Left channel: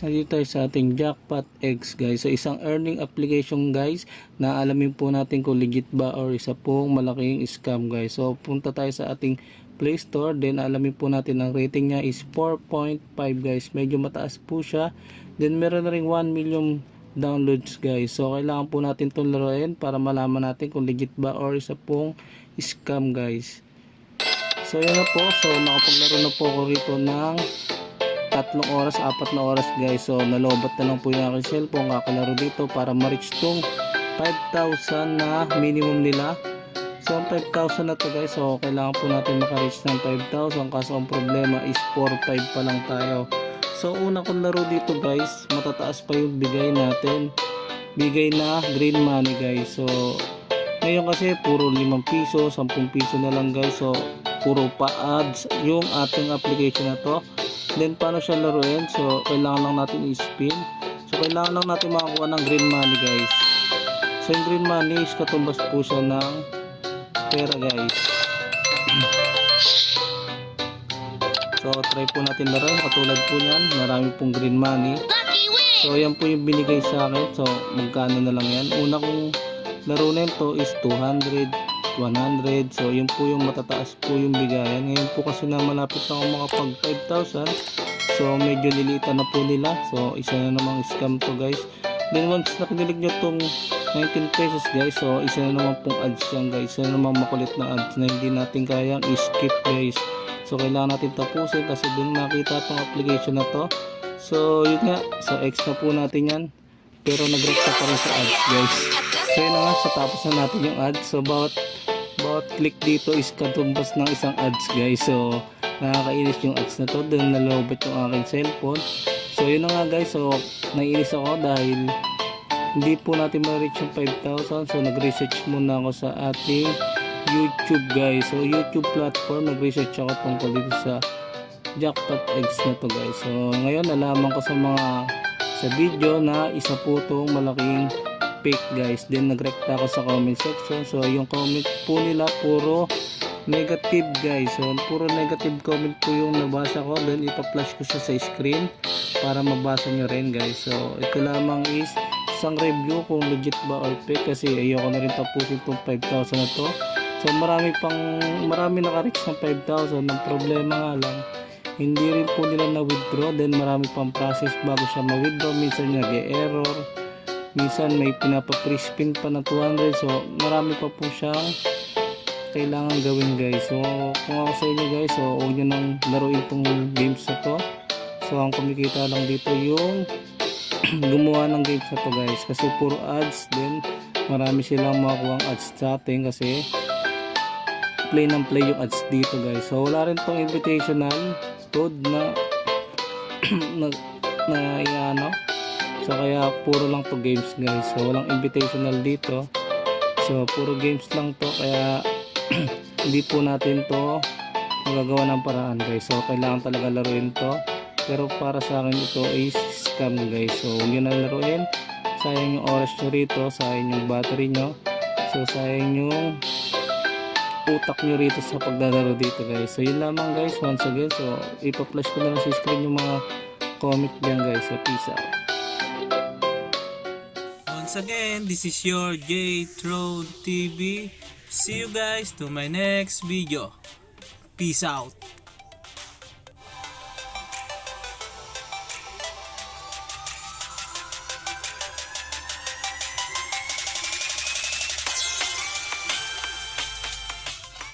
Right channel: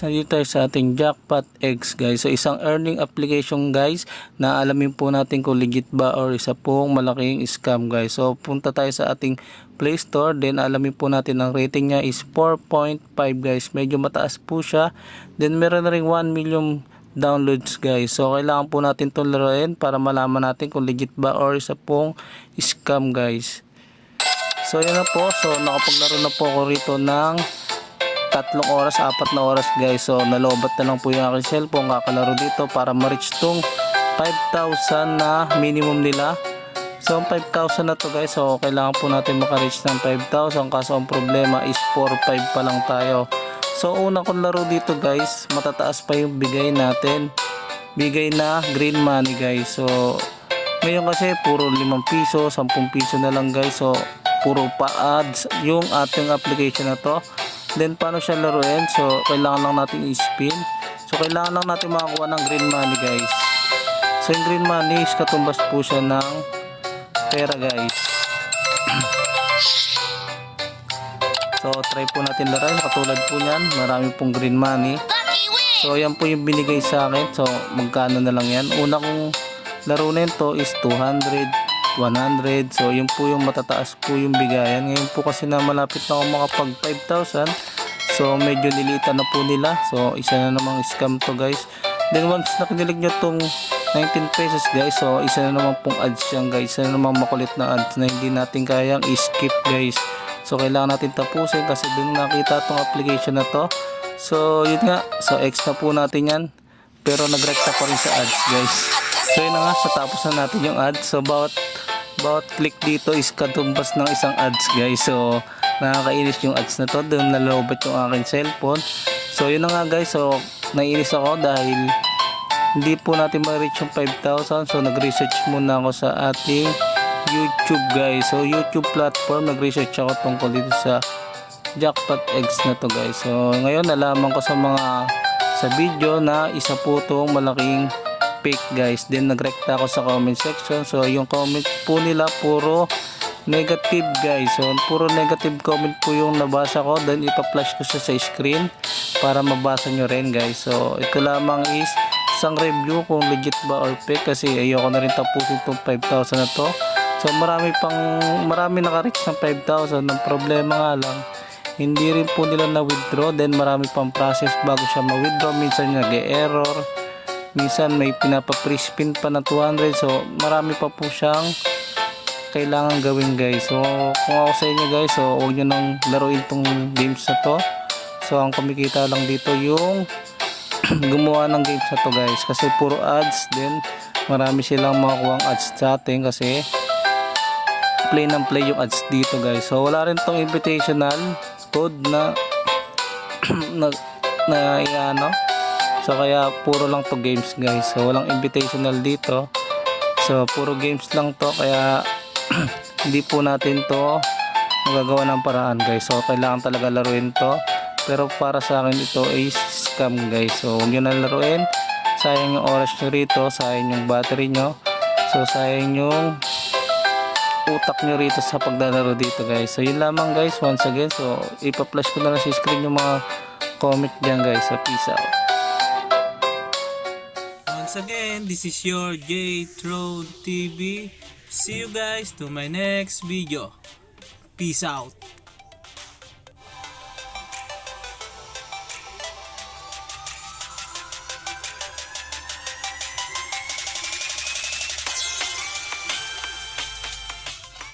guys, nandito tayo sa ating Jackpot X guys. So isang earning application guys na alamin po natin kung legit ba or isa pong malaking scam guys. So punta tayo sa ating Play Store, then alamin po natin ang rating niya is 4.5 guys. Medyo mataas po siya. Then meron na rin 1 million downloads guys. So kailangan po natin itong laruin para malaman natin kung legit ba or isa pong scam guys. So yun na po. So nakapaglaro na po ako rito ng 3 oras, 4 na oras guys. So nalobat na lang po yung aking cellphone kakalaro dito para ma-reach tong 5,000 na minimum nila. So ang 5,000 na to guys, so kailangan po natin maka-reach ng 5,000, kaso ang problema is 4,500 pa lang tayo. So una kong laro dito guys, matataas pa yung bigay natin, bigay na green money guys. So ngayon kasi puro 5 piso, 10 piso na lang guys. So puro pa ads yung ating application na to. Then paano siya laruin? So kailangan lang natin i-spin. So kailangan lang natin makakuha ng green money guys. So yung green money is katumbas po siya ng pera guys. So try po natin laruin. Katulad po yan, marami pong green money. So yan po yung binigay sa akin. So magkano na lang yan. Una kong laro na ito is 200, 100. So yun po yung matataas po yung bigayan. Ngayon po kasi na malapit na ako makapag 5,000. So medyo nilitan na po nila. So isa na namang scam to guys. Then once na kinilig nyo tong 19 pesos guys, so isa na naman pong ads yan guys. Isa na namang makulit na ads na hindi natin kayang i-skip guys. So kailangan natin tapusin kasi dun nakita tong application na to. So yun nga, so X na po natin yan. Pero nagrekta pa rin sa ads guys. So yun na nga, sa tapos na natin yung ads. So bawat click dito is katumbas ng isang ads guys. So nakakainis yung ads na to. Doon nalobat yung aking cellphone. So yun na nga guys. So naiinis ako dahil hindi po natin ma-reach yung 5,000. So nag-research muna ako sa ating YouTube guys. So YouTube platform, nag-research ako tungkol dito sa Jackpot X na to guys. So ngayon nalaman ko sa video na isa po itong malaking fake guys. Then nagrekta ako sa comment section. So yung comment po nila puro negative guys. So puro negative comment po yung nabasa ko. Then ipa-flash ko siya sa screen para mabasa nyo rin guys. So ito lamang is isang review kung legit ba or fake, kasi ayoko na rin tapusin itong 5,000 na to. So marami naka-reach ng 5,000. Ang problema nga lang, hindi rin po nila na-withdraw. Then marami pang process bago siya ma-withdraw. Minsan nag-e-error, minsan may pinapa-pre-spin pa na 200. So marami pa po siyang kailangan gawin guys. So kung ako sa inyo guys, so huwag nyo nang laruin itong games na to. So ang kumikita lang dito yung gumawa ng games na to guys, kasi puro ads. Then marami silang makakuha ads sa atin kasi play ng play yung ads dito guys. So wala rin tong invitational code na ano. So kaya puro lang to games guys. So walang invitational dito. So puro games lang to, kaya hindi po natin to magagawa ng paraan guys. So kailangan talaga laruin to. Pero para sa akin ito is scam guys. So huwag nyo na laruin. Sayang yung oras nyo rito, sayang yung battery nyo. So sayang yung utak nyo rito sa paglalaro dito guys. So yun lamang guys, once again. So ipa-flash ko na lang sa screen yung mga comment dyan guys. So peace out. Once again, this is your JThrone TV. See you guys to my next video. Peace out.